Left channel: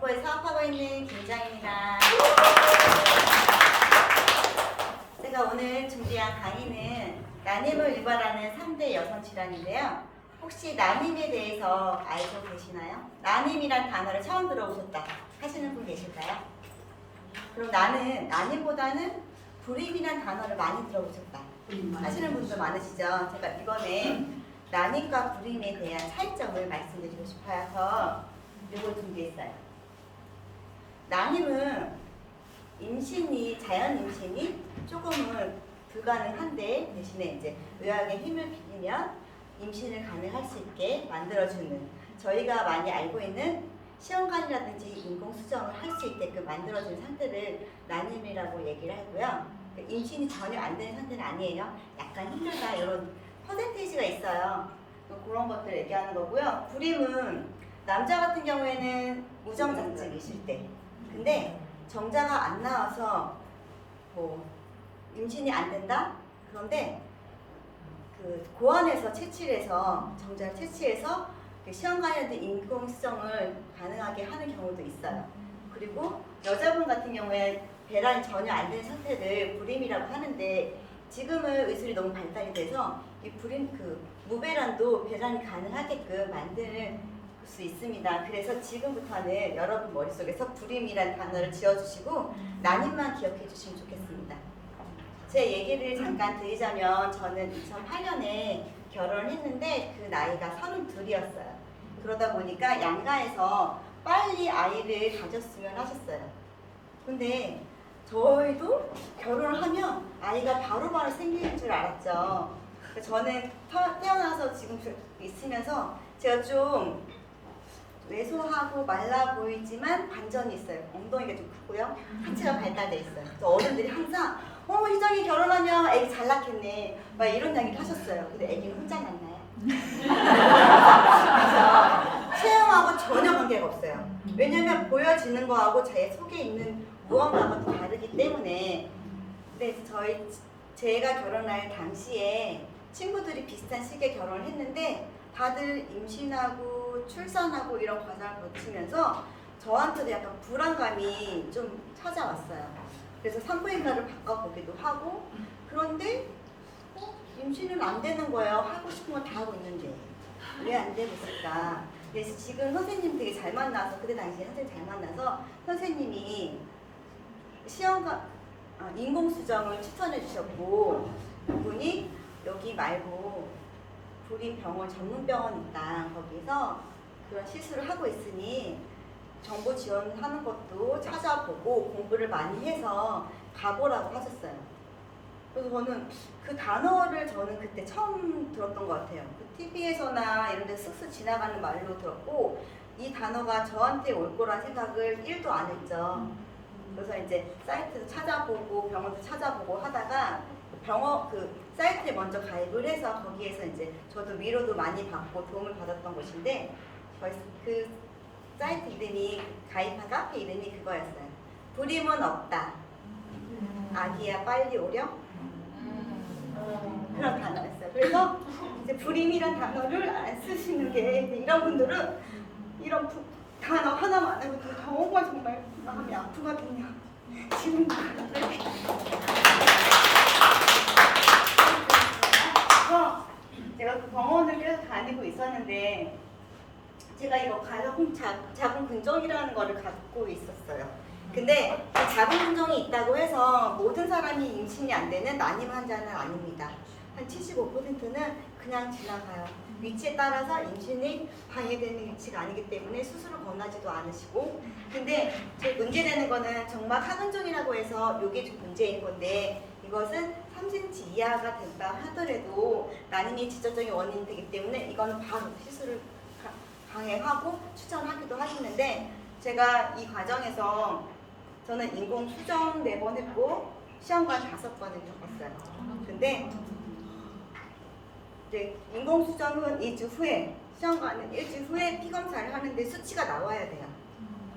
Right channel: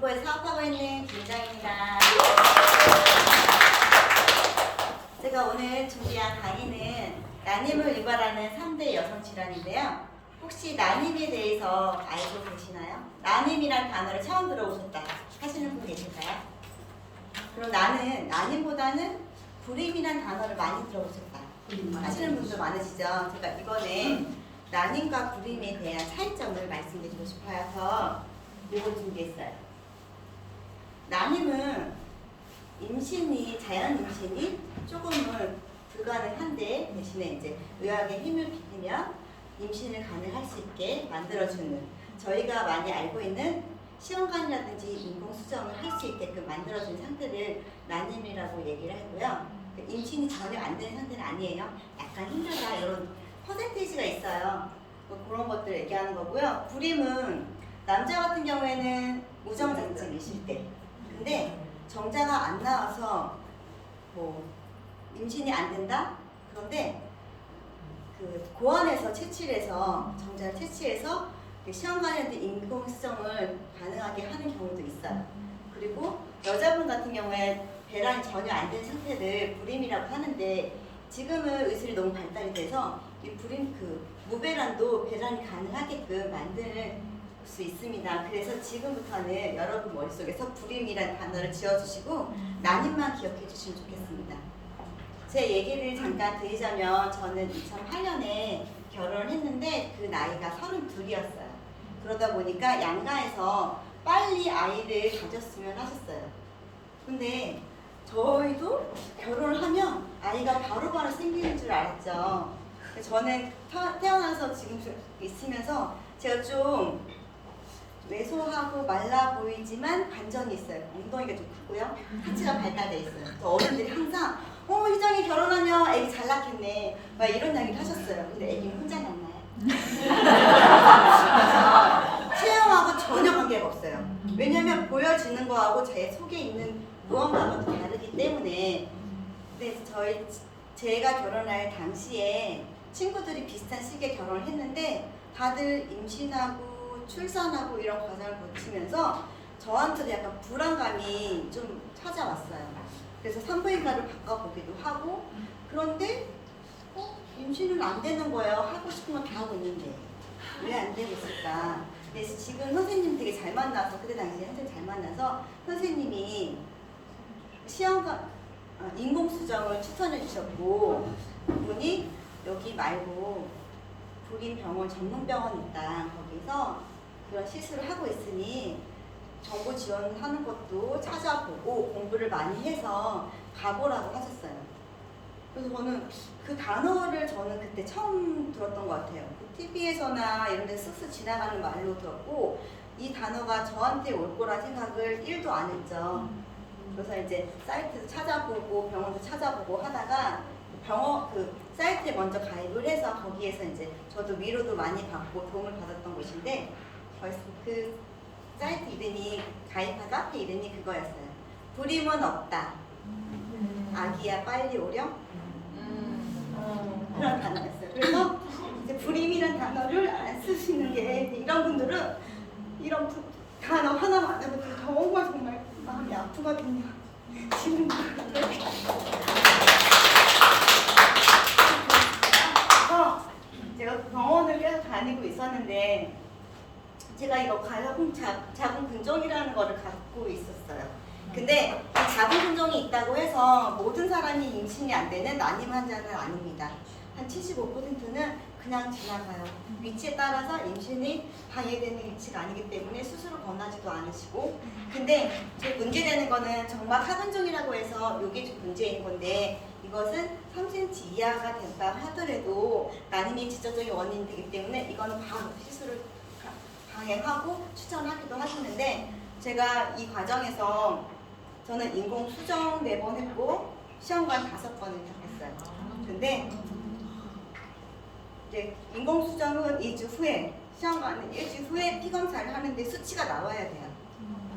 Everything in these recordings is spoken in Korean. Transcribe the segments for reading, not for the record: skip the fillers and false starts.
동포에 사업하고 있는 김정입니다. 제가 오늘 준비한 강의는 난임을 유발하는 3대 여성 질환인데요. 혹시 난임에 대해서 알고 계시나요? 난임이란 단어를 처음 들어보셨다 하시는 분 계실까요? 그럼 나는 난임보다는 불임이란 단어를 많이 들어보셨다 하시는 분도 많으시죠? 제가 이번에 난임과 불임에 대한 차이점을 말씀드리고 싶어서 이걸 준비했어요. 난임은 자연 임신이 조금은 불가능한데 대신에 이제 의학의 힘을 빌리면 임신을 가능할 수 있게 만들어주는, 저희가 많이 알고 있는 시험관이라든지 인공수정을 할 수 있게끔 만들어주는 상태를 난임이라고 얘기를 하고요. 임신이 전혀 안 되는 상태는 아니에요. 약간 힘들다 이런 퍼센테이지가 있어요. 그런 것들 얘기하는 거고요. 불임은 남자 같은 경우에는 우정자증이 있을 때, 근데 정자가 안 나와서 뭐 임신이 안 된다? 그런데 그 고안에서 채취해서 정자를 채취해서 시험관이라든지 인공수정을 가능하게 하는 경우도 있어요. 그리고 여자분 같은 경우에 배란이 전혀 안 된 상태를 불임이라고 하는데, 지금은 의술이 너무 발달이 돼서 이 불임 무배란도 배란이 가능하게끔 만들 수 있습니다. 그래서 지금부터는 여러분 머릿속에서 불임이란 단어를 지어주시고 난임만 기억해 주시면 좋겠습니다. 제 얘기를 잠깐 드리자면, 저는 2008년에 결혼을 했는데 그 나이가 32이었어요. 그러다 보니까 양가에서 빨리 아이를 가졌으면 하셨어요. 근데 저희도 결혼을 하면 아이가 바로바로 생기는 줄 알았죠. 저는 태어나서 지금 있으면서 제가 좀 왜소하고 말라 보이지만 반전이 있어요. 엉덩이가 좀 크고요. 하체가 발달돼 있어요. 어른들이 항상 희정이 결혼하면 애기 잘 낳겠네 막 이런 이야기를 하셨어요. 근데 애기 혼자 낳나요? 그래서 체형하고 전혀 관계가 없어요. 왜냐면 보여지는 거하고 제 속에 있는 무언가가 다르기 때문에. 근데 제가 결혼할 당시에 친구들이 비슷한 시기에 결혼을 했는데 다들 임신하고 출산하고 이런 과정을 거치면서 저한테도 약간 불안감이 좀 찾아왔어요. 그래서 산부인과를 바꿔보기도 하고, 그런데 임신은 안 되는 거예요. 하고 싶은 건 다 하고 있는데 왜 안 되고 있을까? 그래서 지금 선생님 되게 잘 만나서, 그때 당시에 선생님 잘 만나서 선생님이 인공수정을 추천해 주셨고, 그분이 여기 말고 불임병원 전문병원 있다, 거기서 그런 시술을 하고 있으니 정보 지원하는 것도 찾아보고 공부를 많이 해서 가보라고 하셨어요. 그래서 저는 그 단어를 그때 처음 들었던 것 같아요. TV에서나 이런 데서 쓱쓱 지나가는 말로 들었고, 이 단어가 저한테 올 거란 생각을 1도 안 했죠. 그래서 이제 사이트도 찾아보고 병원도 찾아보고 하다가 사이트에 먼저 가입을 해서 거기에서 이제 저도 위로도 많이 받고 도움을 받았던 곳인데, 그 사이트 이름이, 카페 이름이 그거였어요. 불임은 없다. 아기야 빨리 오렴. 그런 단어였어요. 그래서 이제 불임이란 단어를 안 쓰시는 게, 이런 분들은 이런 단어 하나만 해도 정말 마음이 아프거든요. 지금 그래서 제가 병원을 계속 다니고 있었는데, 제가 이거 자궁근종이라는 거를 갖고 있었어요. 근데 이 자궁근종이 있다고 해서 모든 사람이 임신이 안 되는 난임 환자는 아닙니다. 한 75%는 그냥 지나가요. 위치에 따라서 임신이 방해되는 위치가 아니기 때문에 수술을 권하지도 않으시고. 근데 제일 문제되는 거는 정말 하근종이라고 해서 이게 좀 문제인 건데, 이것은 3cm 이하가 된다 하더라도 난임이 직접적인 원인이 되기 때문에 이거는 바로 시술을 강행하고 추천하기도 하시는데, 제가 이 과정에서 저는 인공 수정 4번 했고 시험관 5번을 겪었어요. 근데 이제 인공 수정은 2주 후에, 시험관은 1주 후에 피검사를 하는데 수치가 나와야 돼요.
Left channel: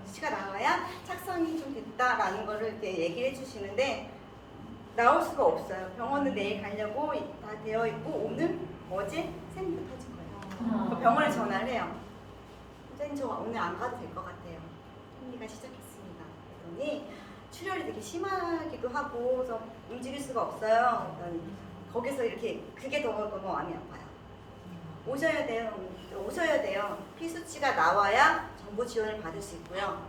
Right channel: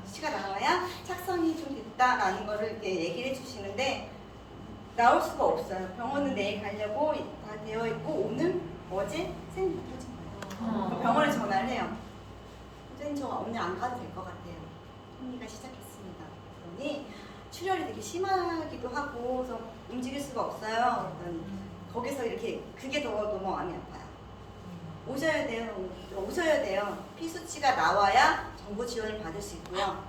수치가 나와야 착성이 좀 됐다라는 거를 이렇게 얘기를 해주시는데 나올 수가 없어요. 병원은 내일 가려고 다 되어 있고 어제 쌤이 터진 거예요. 병원에 전화를 해요. 선생님, 저 오늘 안 가도 될 것 같아요. 하기가 시작했습니다. 그러니 출혈이 되게 심하기도 하고 그래서 움직일 수가 없어요. 그랬더니 거기서 이렇게 그게 너무 마음이 아파요. 오셔야 돼요. 피 수치가 나와야 정보 지원을 받을 수 있고요.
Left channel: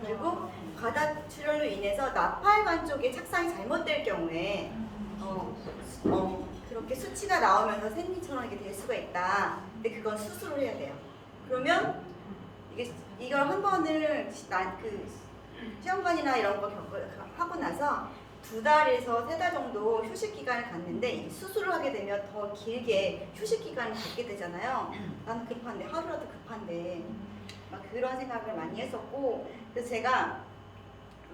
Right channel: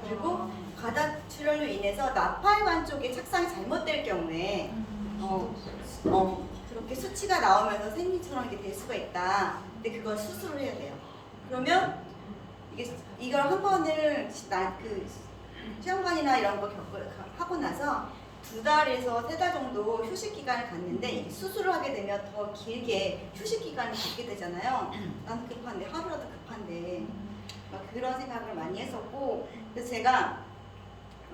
그리고 과다 출혈로 인해서 나팔관 쪽에 착상이 잘못될 경우에 그렇게 수치가 나오면서 생리처럼 이게 될 수가 있다. 근데 그건 수술을 해야 돼요. 그러면 이걸 한 번을 시험관이나 이런 거 하고 나서 2달에서 3달 정도 휴식 기간을 갖는데 수술을 하게 되면 더 길게 휴식 기간을 갖게 되잖아요. 나는 급한데 하루라도 급한데 막 그런 생각을 많이 했었고 그래서 제가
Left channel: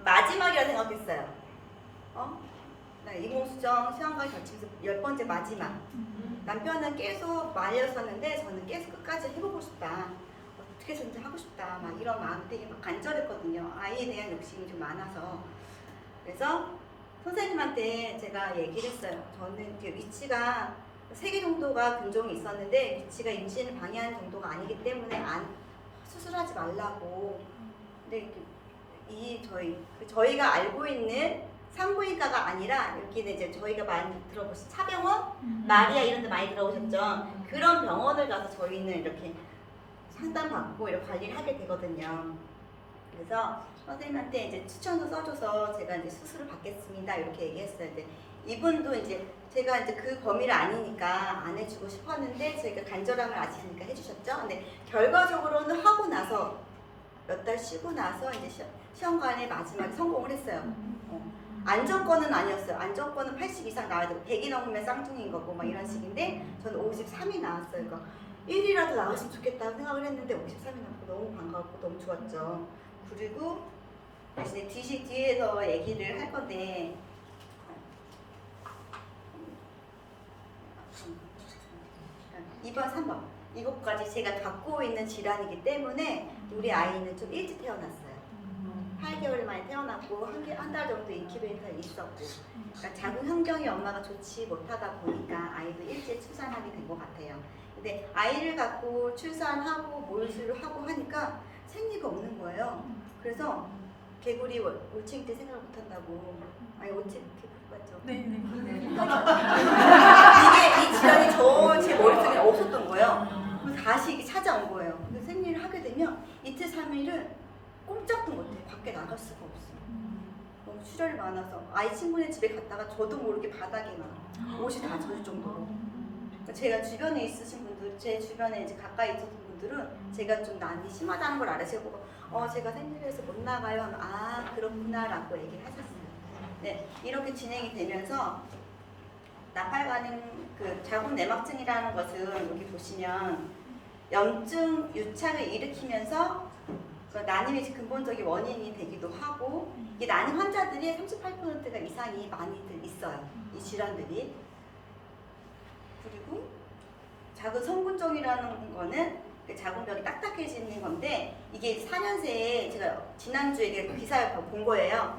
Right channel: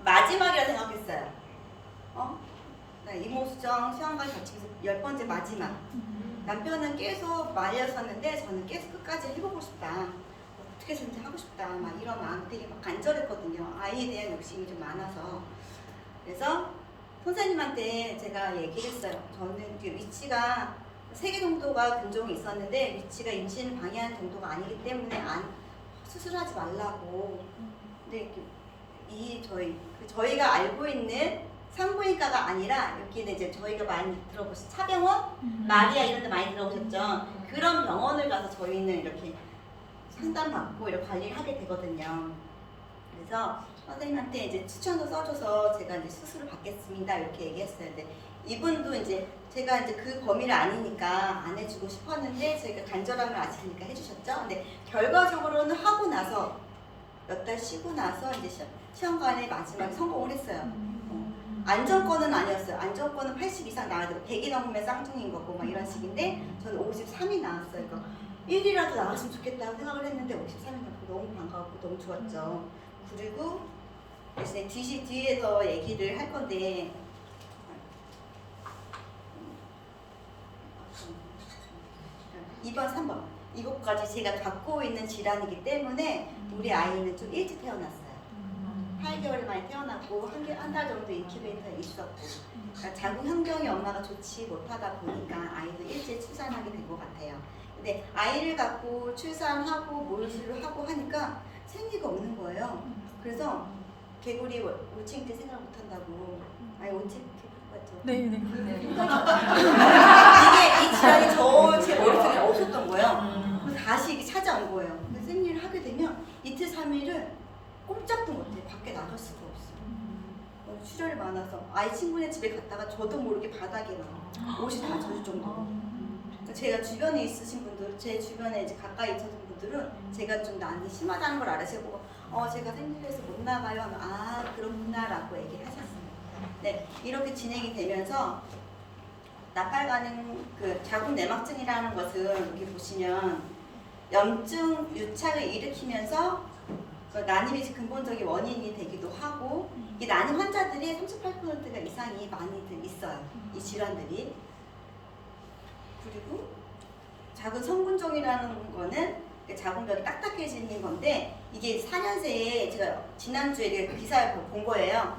마지막이라 생각했어요. 이모수정 시험관 겹치면서 10번째 마지막. 남편은 계속 말렸었는데 저는 계속 끝까지 해보고 싶다. 어떻게 해서든지 하고 싶다. 막 이런 마음 되게 막 간절했거든요. 아이에 대한 욕심이 좀 많아서. 그래서 선생님한테 제가 얘기를 했어요. 저는 위치가 3개 정도가 근종이 있었는데 위치가 임신을 방해하는 정도가 아니기 때문에 수술하지 말라고. 근데 저희가 알고 있는 산부인과가 아니라 여기는 이제 저희가 많이 들어보신 차병원, 마리아 이런 데 많이 들어보셨죠? 그런 병원을 가서 저희는 이렇게 상담받고 이렇게 관리를 하게 되거든요. 그래서 선생님한테 이제 추천도 써줘서 제가 이제 수술을 받겠습니다 이렇게 얘기했어요. 근데 이분도 이제 제가 이제 그 범위를 아니니까 안 해주고 싶었는데 저희가 간절함을 아시니까 해주셨죠. 근데 결과적으로는 하고 나서 몇 달 쉬고 나서 이제 시험관에 마지막에 성공을 했어요. 안정권은 아니었어요. 안정권은 80 이상 나와야 되고 100이 넘으면 쌍둥이인 거고 막 이런 식인데 저는 53이 나왔어요. 그러니까 1이라도 나왔으면 좋겠다고 생각을 했는데 53이 나왔고 너무 반가웠고 너무 좋았죠. 그리고 이제 뒤에서 얘기를 할 건데 2번, 3번 이것까지 제가 갖고 있는 질환이기 때문에 우리 아이는 좀 일찍 태어났어요. 8개월 만에 태어났고 한 달 정도 인큐베이터에 있었고 그러니까 자궁 환경이 엄마가 좋지 못하다 보니까 아이도 일찍 출산하게 된 것 같아요. 근데 아이를 갖고 출산하고 몰수를 하고 하니까 생리가 없는 거예요. 그래서 개구리 올챙이 때 생각을 못한다고. 아니 올챙이 맞죠? 네. 이게 이 질환이 제 머릿속에 없었던 거예요. 그래서 다시 이게 찾아온 거예요. 근데 생리를 하게 되면 이틀 3일은 꼼짝도 못해. 밖에 나갈 수가 없어. 너무 출혈이 많아서 아이 친구네 집에 갔다가 저도 모르게 바닥에 막 옷이 다 젖을 정도로. 제가 주변에 있으신 분들, 제 주변에 이제 가까이 있으신 분들은 제가 좀 난이 심하다는 걸 알아서 보고 제가 생리해서 못 나가요. 아 그렇구나라고 얘기를 하셨어요. 네, 이렇게 진행이 되면서 나팔관은 그 자궁 내막증이라는 것은 여기 보시면 염증 유착을 일으키면서 그 난임이 근본적인 원인이 되기도 하고 이 난임 환자들이 38%가 이상이 많이들 있어요. 이 질환들이. 그리고 자궁 성분종이라는 거는 그 자궁벽이 딱딱해지는 건데 이게 4년새에 제가 지난주에 기사를 본 거예요.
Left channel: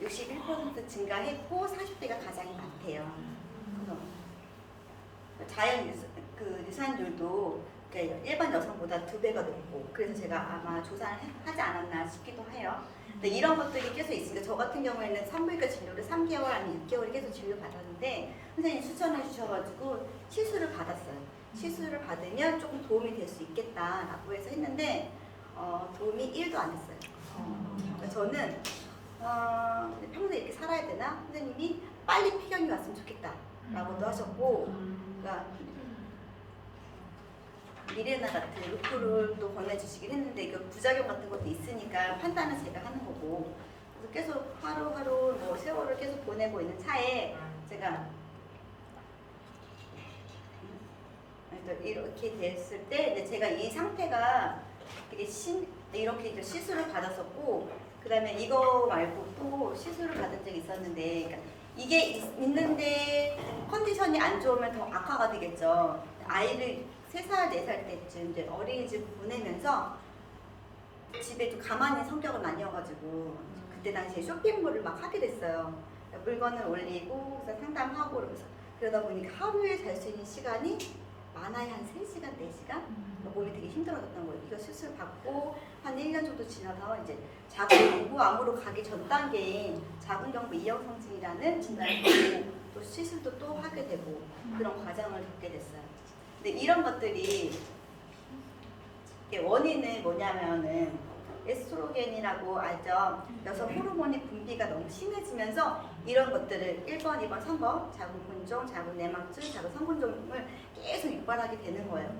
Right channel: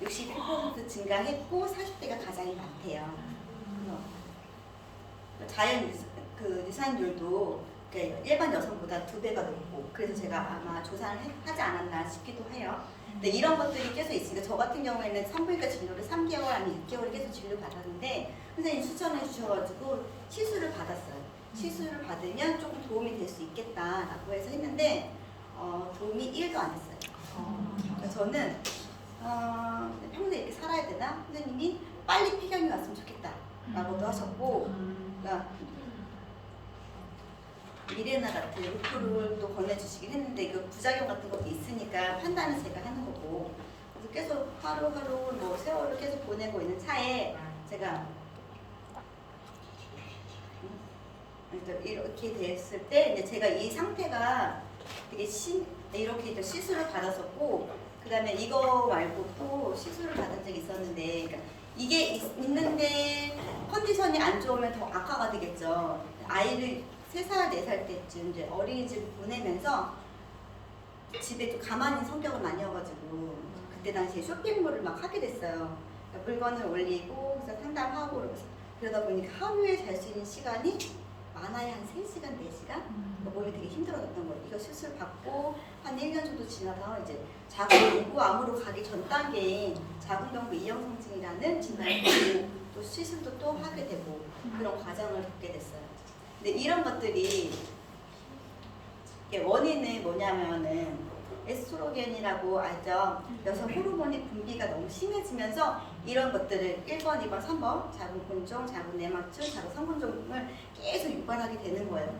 61% 증가했고 40대가 가장 많대요. 자연 유산율도 일반 여성보다 2배가 높고 그래서 제가 아마 조사를 하지 않았나 싶기도 해요. 근데 이런 것들이 계속 있습니다. 저 같은 경우에는 산부인과 진료를 3개월 아니면 6개월 계속 진료 받았는데 선생님 추천해 주셔가지고 시술을 받았어요. 시술을 받으면 조금 도움이 될 수 있겠다라고 해서 했는데 도움이 1도 안 됐어요. 저는 평생 이렇게 살아야 되나? 선생님이 빨리 폐경이 왔으면 좋겠다라고도 하셨고 그러니까 미레나 같은 루프를 또 권해주시긴 했는데 이거 부작용 같은 것도 있으니까 판단은 제가 하는 거고 그래서 계속 하루하루 뭐 세월을 계속 보내고 있는 차에 제가 이렇게 됐을 때 근데 제가 이 상태가 되게 이렇게 이제 시술을 받았었고 그 다음에 이거 말고 또 시술을 받은 적이 있었는데 그러니까 이게 있는데 컨디션이 안 좋으면 더 악화가 되겠죠. 아이를 3살, 4살 때쯤 이제 어린이집 보내면서 집에 좀 가만히 성격은 아니어가지고 그때 당시에 쇼핑몰을 막 하게 됐어요. 물건을 올리고 그래서 상담하고 그러면서 그러다 보니까 하루에 잘 수 있는 시간이 많아야 한 3시간, 4시간? 몸이 되게 힘들어졌던 거예요. 이거 수술 받고 한 1년 정도 지나서 이제 자궁경부암으로 가기 전 단계인 자궁경부 이형성증이라는 진단을 받고 또 시술도 또 하게 되고 그런 과정을 겪게 됐어요. 근데 이런 것들이 원인은 뭐냐면은 에스트로겐이라고 알죠? 여성 호르몬의 분비가 너무 심해지면서 이런 것들을 1번, 2번, 3번 자궁근종, 자궁내막증, 자궁성근종을 계속 유발하게 되는 거예요.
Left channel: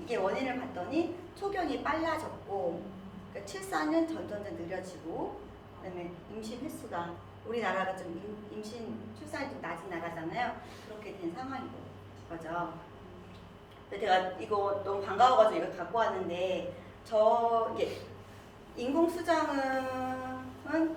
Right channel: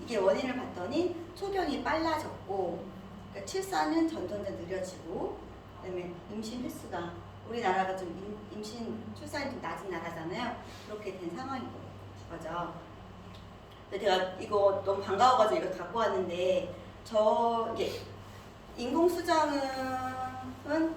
이게 원인을 봤더니 초경이 빨라졌고 그러니까 출산은 점점점 느려지고 그다음에 임신 횟수가 우리나라가 좀 임신 출산이 좀 낮은 나라잖아요. 그렇게 된 상황인 거죠. 제가 이거 너무 반가워가지고 이거 갖고 왔는데 저 이게 인공수정은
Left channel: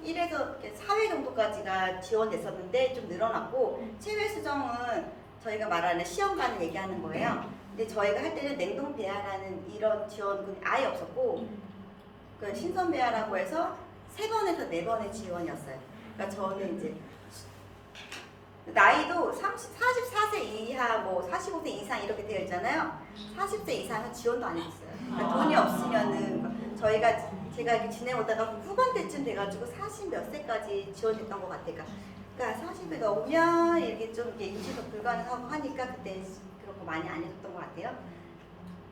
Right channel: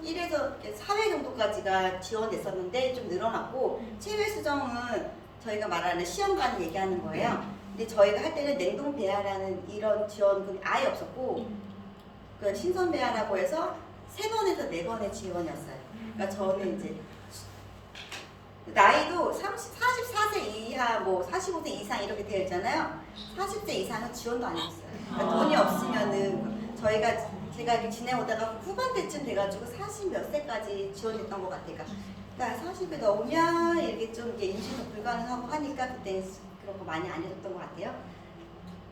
1에서 4회 정도까지가 지원됐었는데 좀 늘어났고 체외 수정은 저희가 말하는 시험관 얘기하는 거예요. 근데 저희가 할 때는 냉동 배아라는 이런 지원군이 아예 없었고 그 신선 배아라고 해서 3번에서 4번의 지원이었어요. 그러니까 저는 이제 나이도 44세 이하, 뭐 45세 이상 이렇게 되어 있잖아요. 40세 이상은 지원도 안 해줬어요. 그러니까 돈이 없으면은 제가 이렇게 지내오다가 후반대쯤 돼가지고 40 몇 세까지 지원했던 것 같아요. 그러니까 40에 넘으면 이렇게 좀 이렇게 임신도 불가능하고 하니까 그때 그런 거 많이 안 해줬던 것 같아요.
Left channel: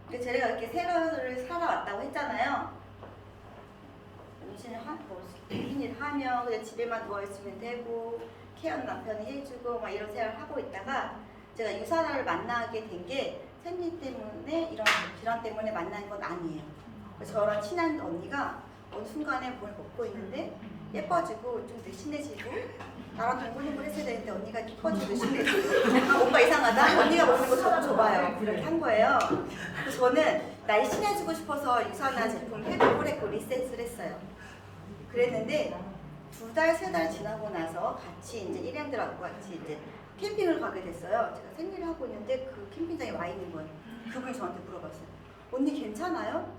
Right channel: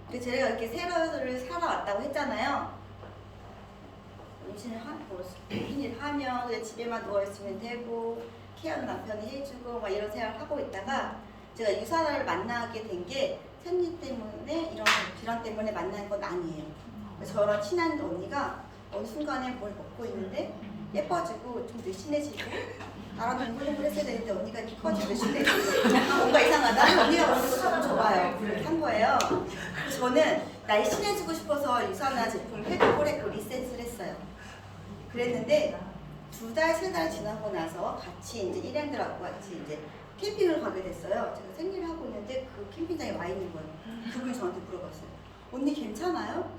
근데 제가 이렇게 생활을 살아왔다고 했잖아요. 임신을 하면 그냥 집에만 누워있으면 되고 케어는 남편이 해주고 막 이런 생활을 하고 있다가 제가 유산을 만나게 된 게 생리 때문에 이런 질환 때문에 만난 건 아니에요. 저랑 친한 언니가 어느 순간에 뭘 먹고 있는데 예뻐지고 좀 늘씬해지고 나랑 동글동글 했어야 되는데 언니가 예뻐지고 늘씬해지고 뭔가 이상하다? 언니가 먹는 거 저도 줘봐요. 그렇게 한 거예요. 그래서 저는 날씬해지고 싶어서 유산화 제품 해독을 했고 리셋을 했어요. 그랬는데 2달, 3달 지나고 나서 같이 이제 일행들하고 같이 이제 캠핑을 가게 됐어요. 제가 생리를 하고 있는데 그 캠핑장에 와 있는 거예요. 그분이 저한테 물어봤어요. 언니 괜찮아요?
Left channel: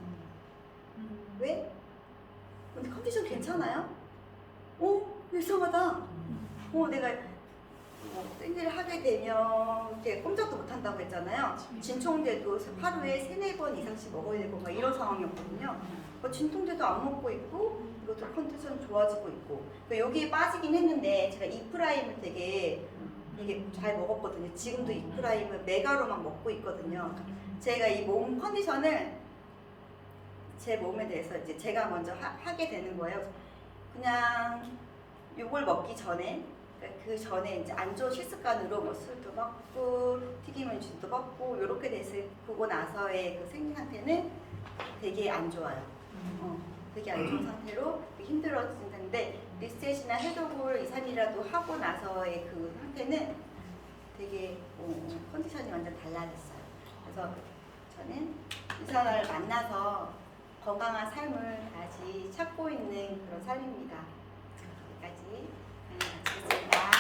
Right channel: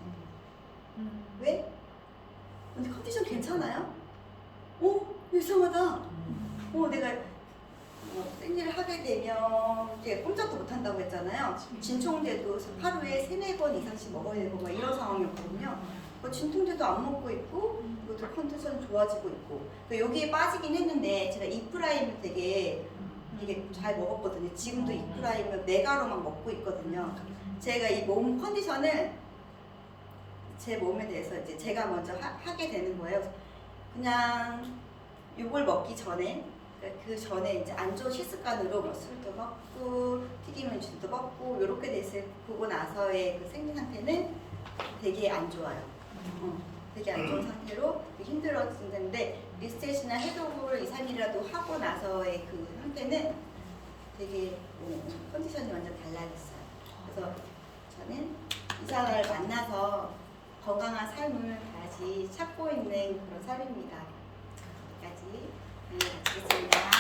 왜? 언니 컨디션 괜찮아요? 이상하다. 내가 생리를 하게 되면 이렇게 꼼짝도 못 한다고 했잖아요. 진통제도 하루에 3-4번 이상씩 먹어야 되고 막 이런 상황이었거든요. 진통제도 안 먹고 있고 그것도 컨디션 좋아지고 있고 여기에 빠지긴 했는데 제가 이프라임을 되게 이게 잘 먹었거든요. 지금도 이프라임을 메가로 막 먹고 있거든요. 제가 이 몸 컨디션을 제 몸에 대해서 이제 제가 먼저 하게 되는 거예요. 그냥 요걸 먹기 전에 그 전에 이제 안 좋은 식습관으로 뭐 술도 먹고 튀김 음식도 먹고 요렇게 됐을 보고 나서의 그 생리 상태는 되게 안 좋아요. 되게 안 좋은 상태로 힘들어진 텐데 리셋이나 해독을 2-3일이라도 하고 나서의 그 상태는 되게 컨디션이 완전 달라졌어요. 그래서 저는 유산화를 만나서 건강한 삶을 다시 찾고 있는 그런 삶입니다. 여기까지 강의 마치겠습니다.